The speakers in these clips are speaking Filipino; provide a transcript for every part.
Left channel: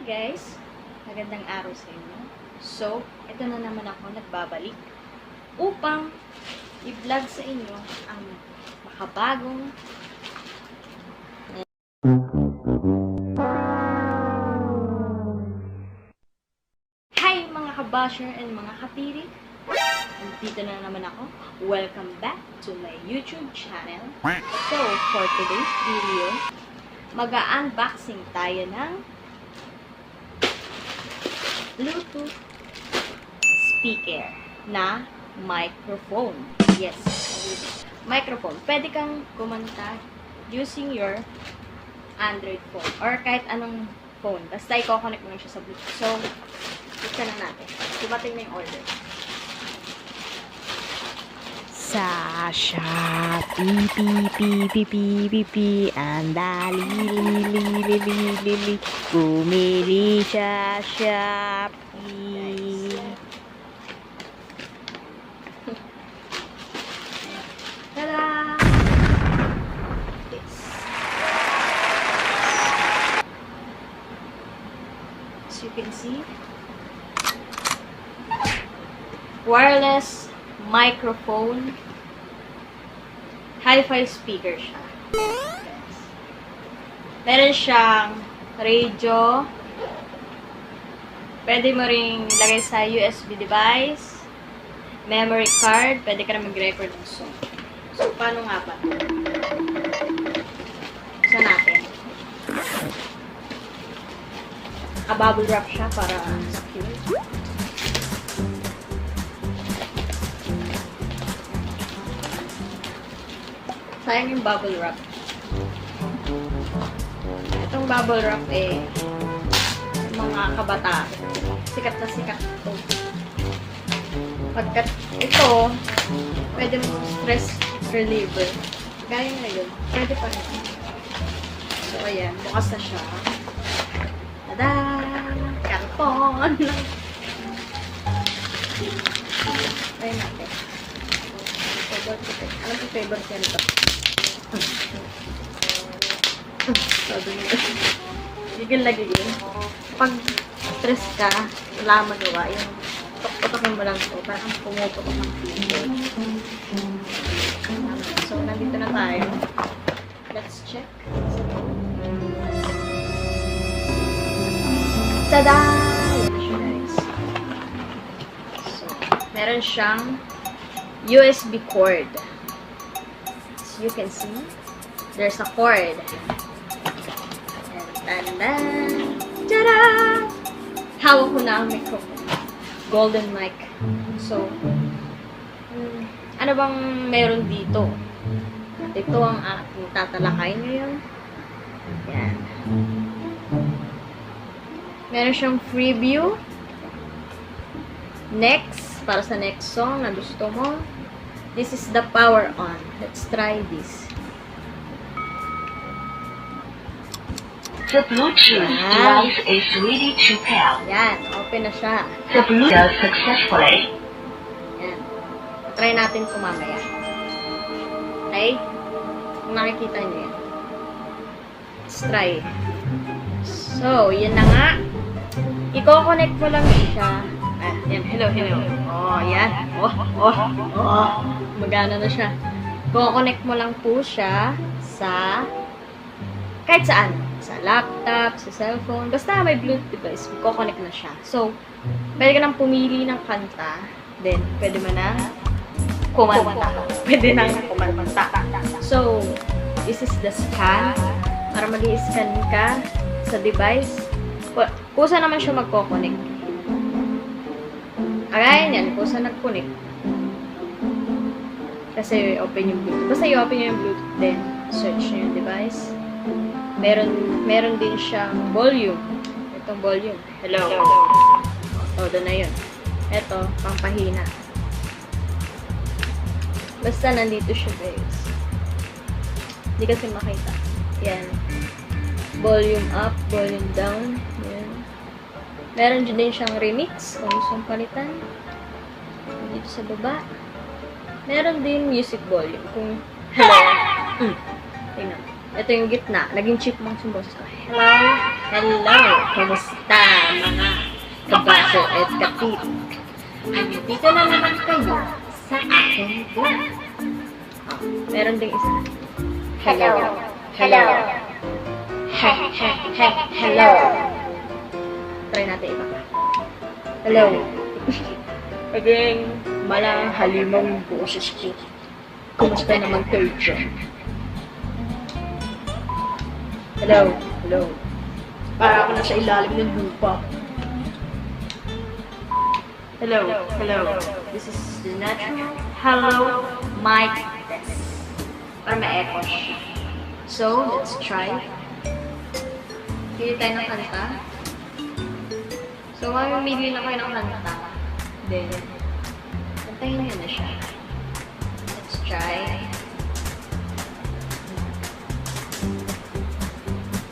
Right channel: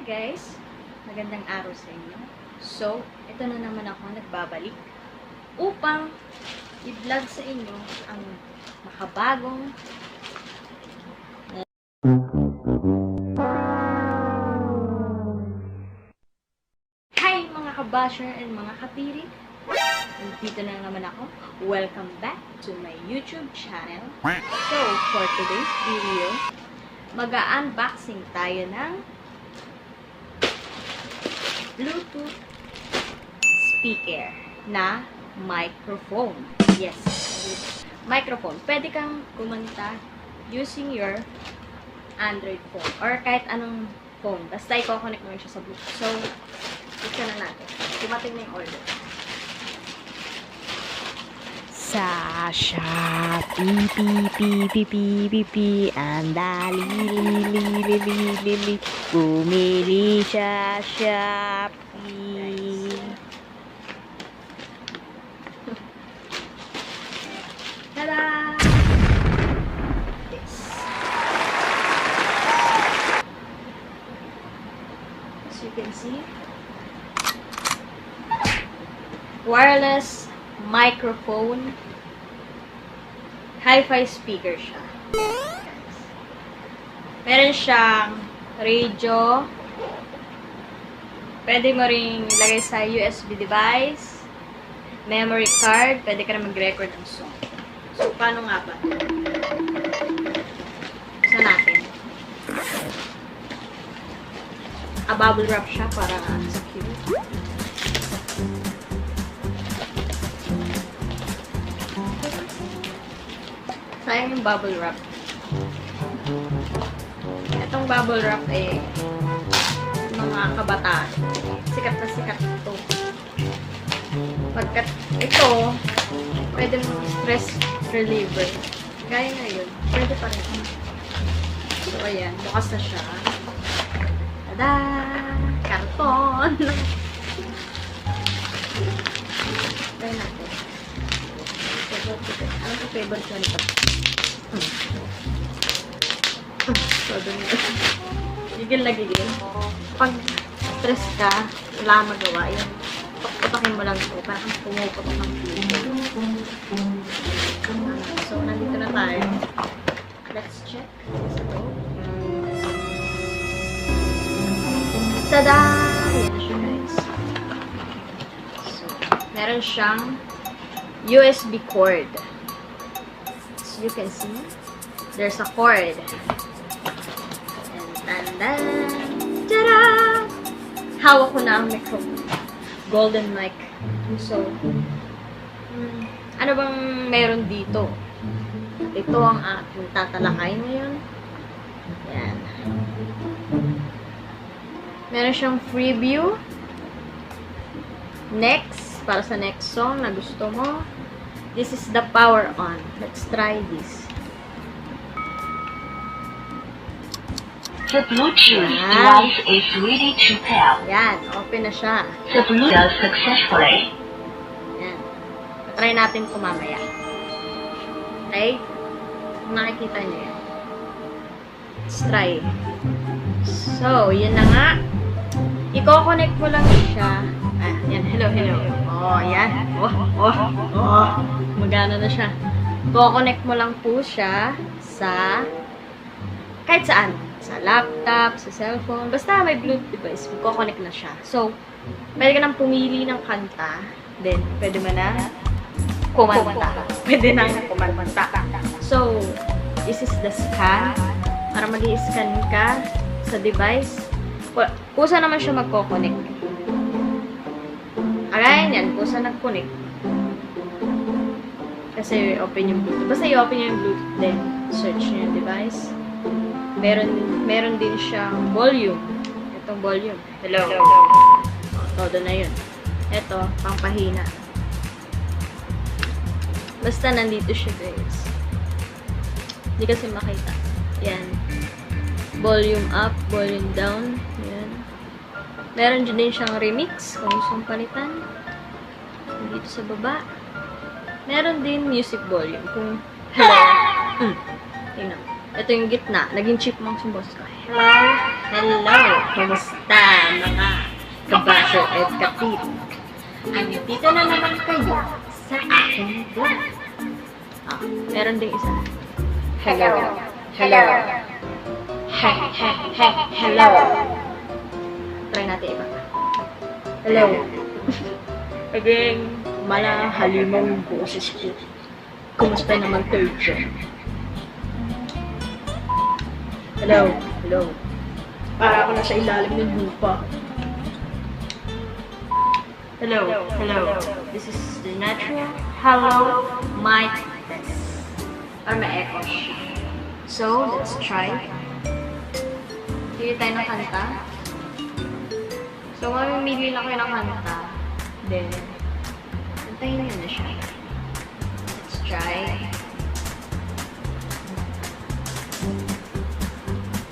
Hi guys! Magandang araw sa inyo. So, ito na naman ako nagbabalik upang i-vlog sa inyo ang makabagong Hi mga kabasher and mga katirik! Nandito na naman ako. Welcome back to my YouTube channel. So, for today's video, mag-unboxing tayo ng Bluetooth speaker na microphone. Yes, microphone. Pwede kang kumanta using your Android phone or kahit anong phone. Basta i-connect mo siya sa Bluetooth. So, buksan na natin. Dumating na yung order. Sa Shopee, ang dali, bumili sa Shopee. Tada! Yes. As you can see, wireless microphone, hi-fi speaker siya. Meron siyang radio. Pwede mo rin ilagay sa USB device, memory card, pwede ka na mag-record ng song. So, paano nga ba? Isa natin. Bubble wrap siya para secure. Sayang yung bubble wrap. Itong bubble wrap mga kabataan. Sikat na sikat ito. Pagkat ito, pwede mo stress reliever. Gaya na yun. Pwede pa rin. So, ayan. Bukas na siya. Tada! Karton! Try natin. Alam ko favorite yan ito. Todo nito. Gigil na gigil. Pag stress ka, wala magawa. Yung putok-putokin mo lang ito. Parang pumuputok ng pito. So, nandito na tayo. Let's check. Tada! Ayan na siya, guys. So, meron siyang USB cord. As you can see, there's a cord. And tandan! Tada! Hawak ko na ang microphone. Golden mic. So, ano bang meron dito? At ito ang ating tatalakay ngayon. Yan. Meron siyang preview. Next, para sa next song na gusto mo. This is the power on. Let's try this. The Bluetooth device is ready to pair. Yan, open na siya. The Bluetooth successfully. Yan. Try natin po mamaya. Okay? Kung nakikita nyo yan. Let's try. So, yun na nga. I-connect mo lang siya. Ah, yan. Hello. Oh, yan. Oh. Magana na siya. I-connect mo lang po siya sa kahit saan. Sa laptop, sa cellphone. Basta may Bluetooth device. I-connect na siya. So, pwede ka nang pumili ng kanta. Then, pwede mo na kumanta. Pwede nang kumanta. So, this is the scan. Para mag-i-scan ka sa device. Kusa naman siya magko-connect. Again, yan. Kusa nag-connect. Kasi open yung Bluetooth. Basta i-open nyo yung Bluetooth, then search nyo yung device. Meron din siyang volume. Itong volume. Hello. Todo na yun. Ito, pangpahina. Basta nandito siya, guys. Hindi kasi makita. Yan. Volume up, volume down. Yan. Meron din siyang remix kung gusto palitan. Dito sa baba. Meron din music volume. Kung hello. Tingnan. Ito yung gitna. Naging chipmunk yung boses ko. Hello? Hello? Kumusta mga kabato at kapit? Dito na naman kayo sa aking vlog. Meron ding isa. Hello. Hello. Hello. Try natin iba. Hello. Again, halimang boses ko. Kumusta naman kayo dyan? Hello. Hello. Para ako nasa ilalim ng lupa. Hello. Hello. This is the natural hello mic test. Para ma-echo siya. So, let's try. Pili tayo ng kanta. So, mamimili na kayo ng kanta. Then, kantahin nyo na siya. Let's try.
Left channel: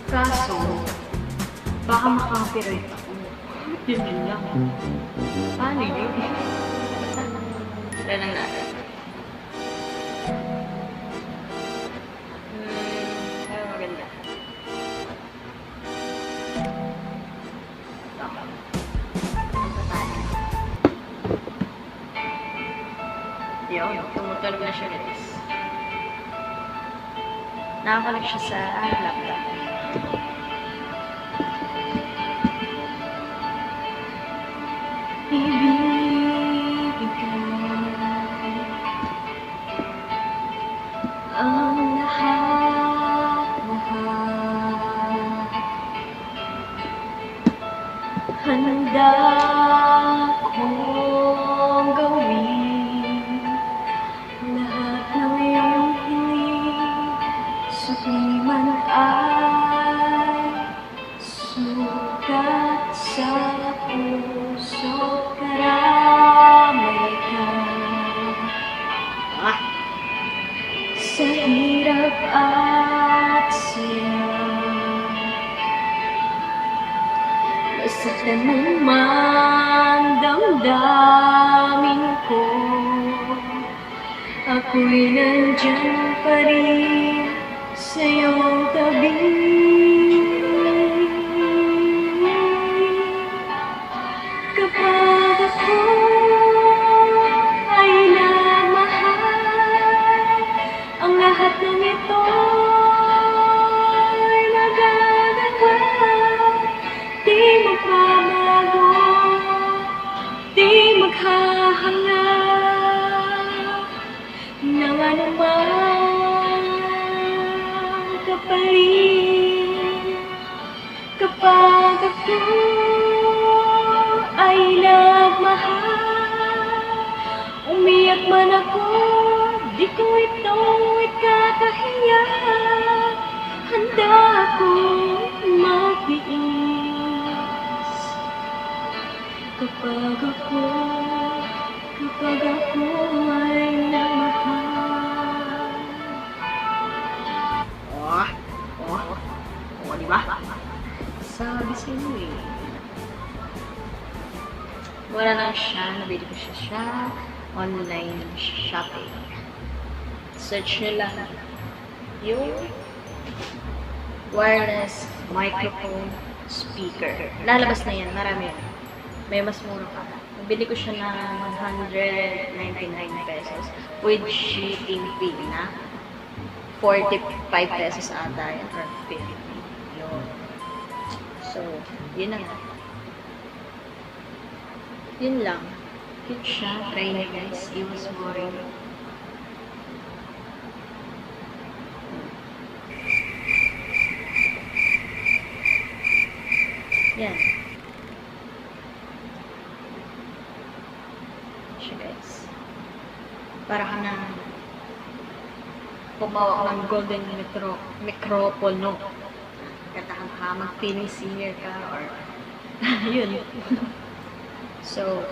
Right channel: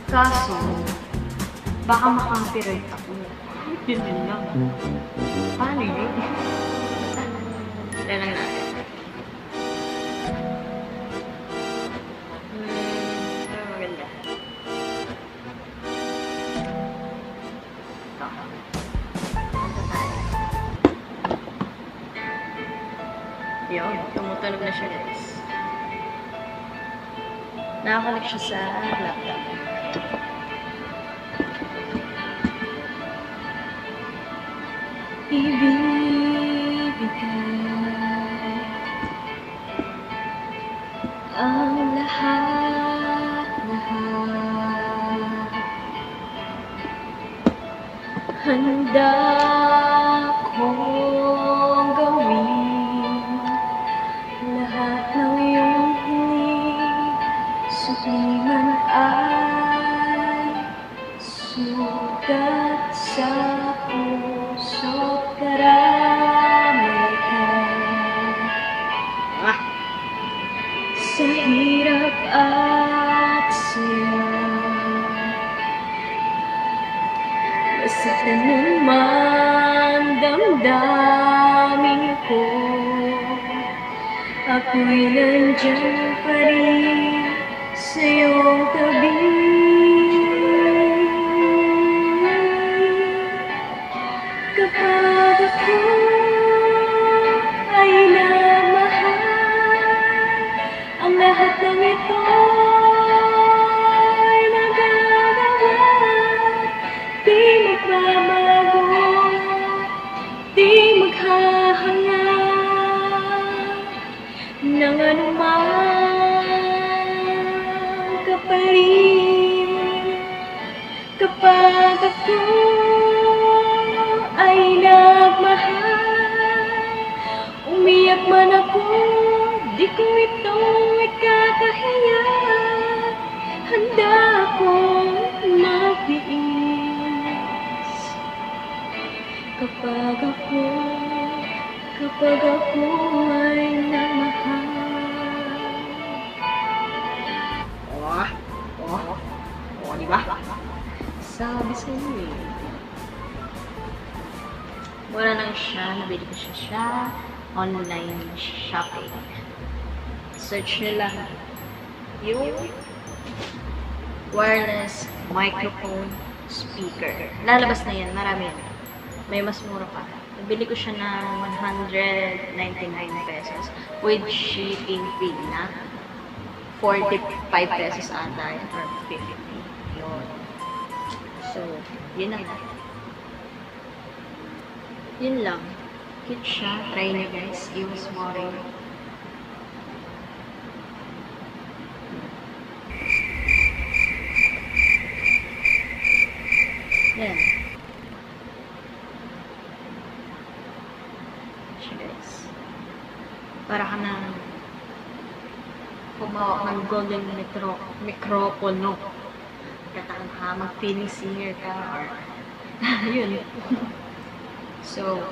Kaso, baka makaka-copyright ako. Yun din lang. Paano yun? Try lang natin. Maganda. Yun, tumutunog na siya guys. Nakakonek siya sa laptop. Ibibigay ang lahat-lahat. Handa kong gawin lahat ng iyong hiling, suki man ay sugat sa puso, karamay ka sa hirap at saya. Basta naman damdamin ko, ako'y nandyan pa rin sa iyong tabi. Kapag ako ay namahal, ang lahat ng ito ay magagawa. Di magbabago, di maghahanga ng anumang kapalit. Kapag ako ay nagmahal, umiyak man ako, di ko ito ikakahiya. Handa akong magtiis kapag ako ay namahal. Di ba? Sabi sa inyo eh. Wala lang siya, nabili ko siya online shopping. Search nyo lang yung wireless microphone speaker. Lalabas na yan, marami yan. May mas mura pa. Nabili ko siya ng 199 pesos with shipping fee na 45 pesos ata yan or 50. Yun. So, yun na nga. Yun lang. Cute siya. Try na guys. Iwas boring. Yan. Siya guys. Para ka na pumawak ng golden microphone. Katahan ka, mag-feeling singer ka or yun. So,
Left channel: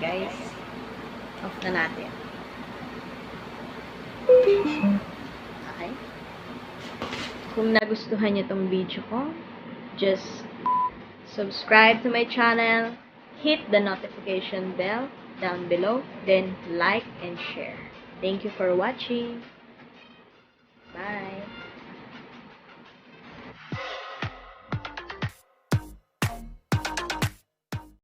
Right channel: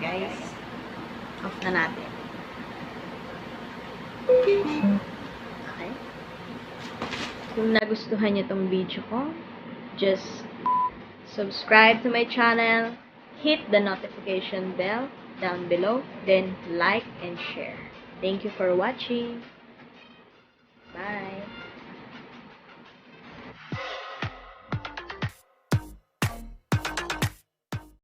guys, off na natin. Okay? Kung nagustuhan niyo tong video ko, just subscribe to my channel, hit the notification bell down below, then like and share. Thank you for watching.